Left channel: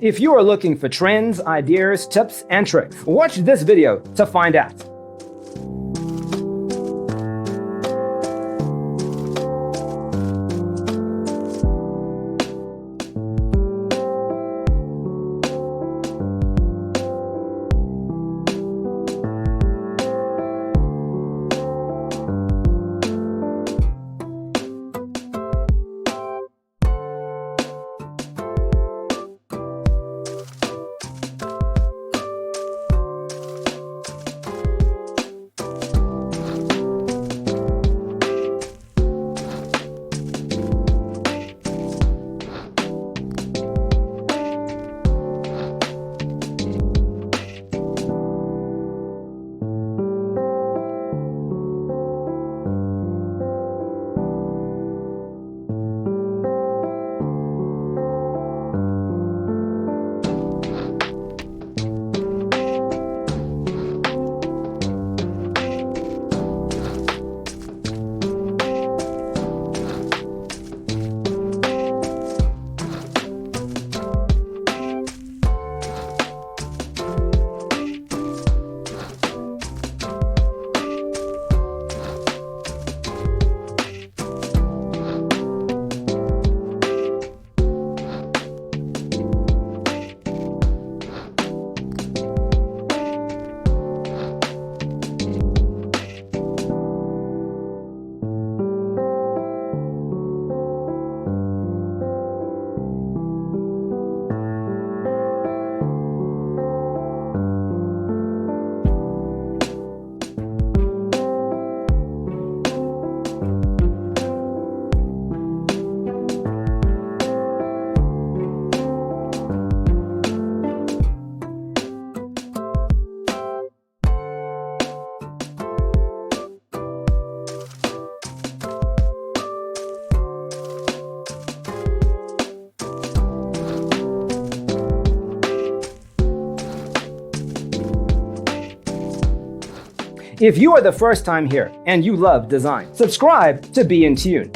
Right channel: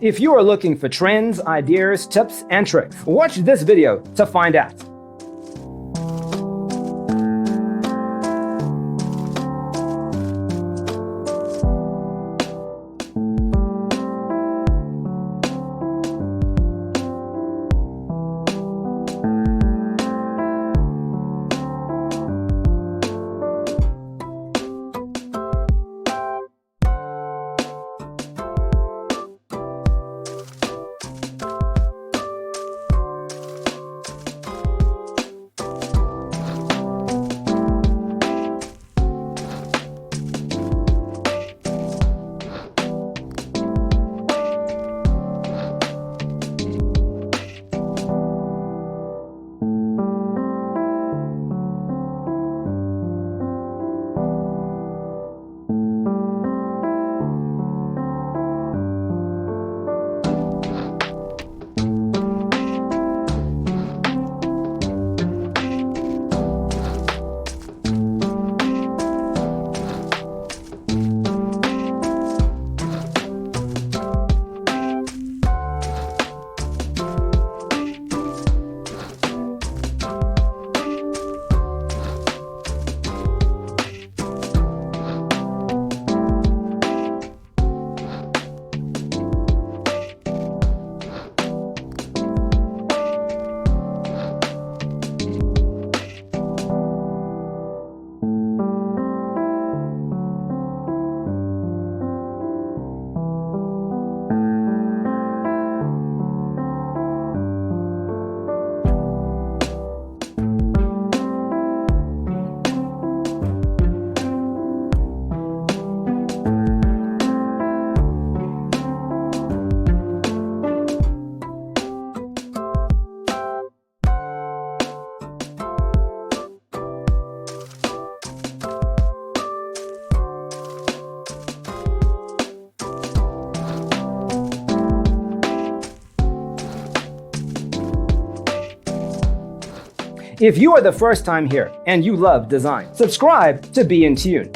If you are looking for trends, ideas, tips, and tricks, watch this video to find out. If you are the first time here and you love design, subscribe to Be in Tune.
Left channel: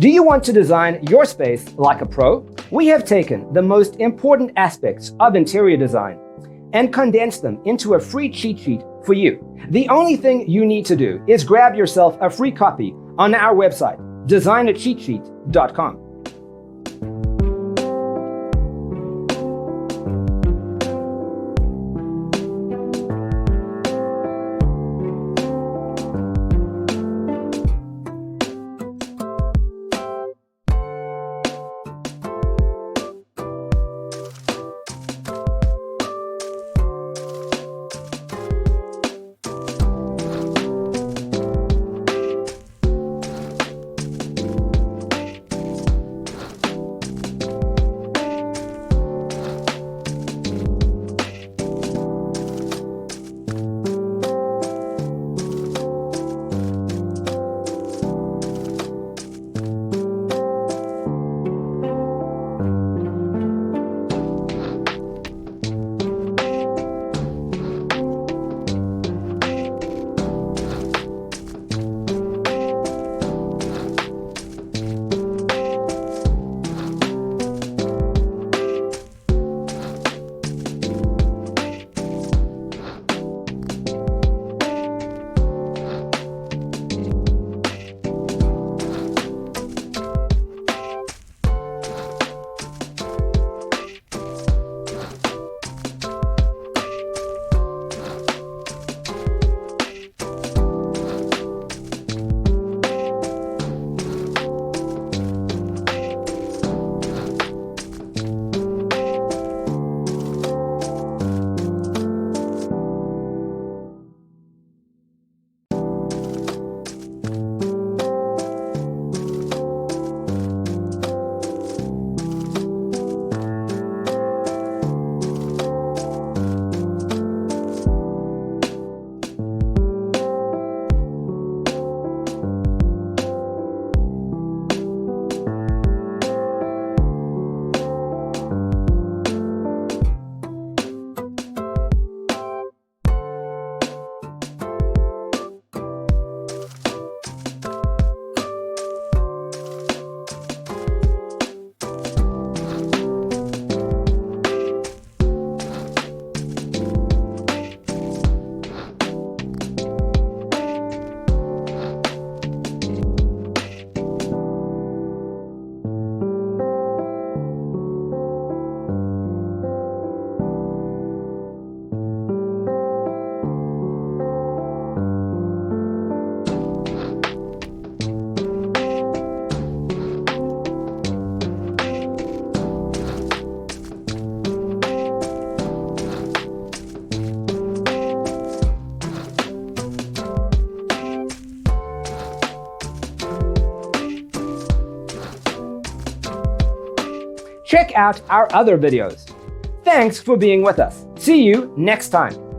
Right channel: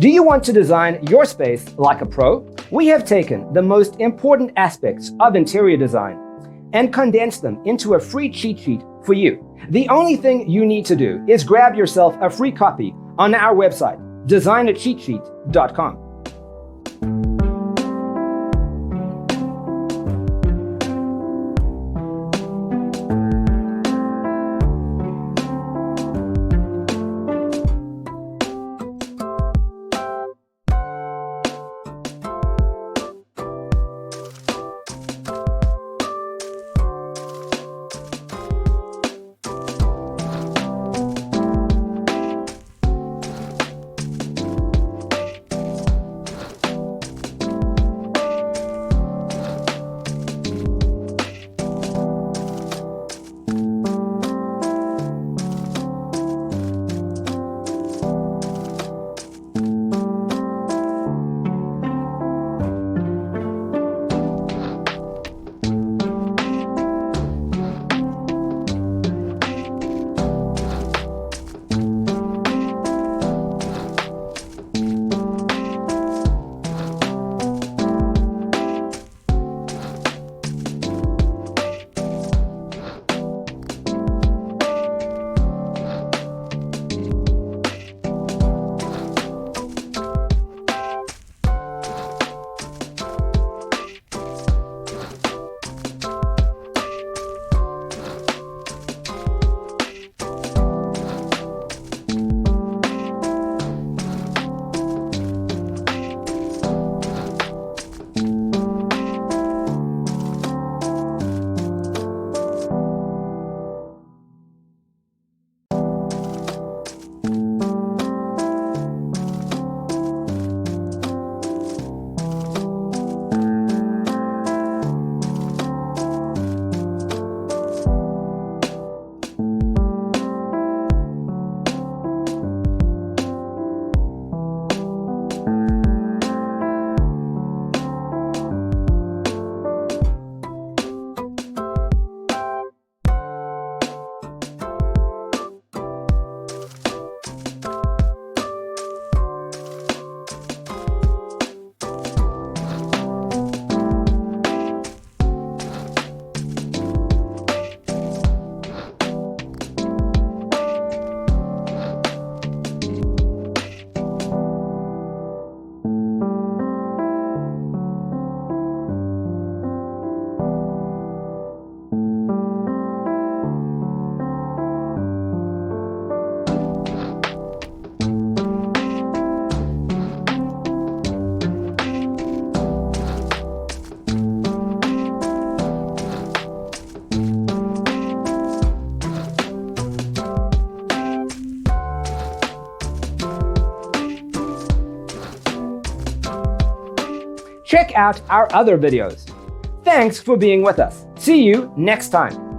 Do you want to design your space like a pro? We have taken the most important aspects of interior design and condensed them into a free cheat sheet for you. The only thing you need to do is grab yourself a free copy on our website, designacheatsheet.com. Check out our other videos. Thanks for being with us. See you next time.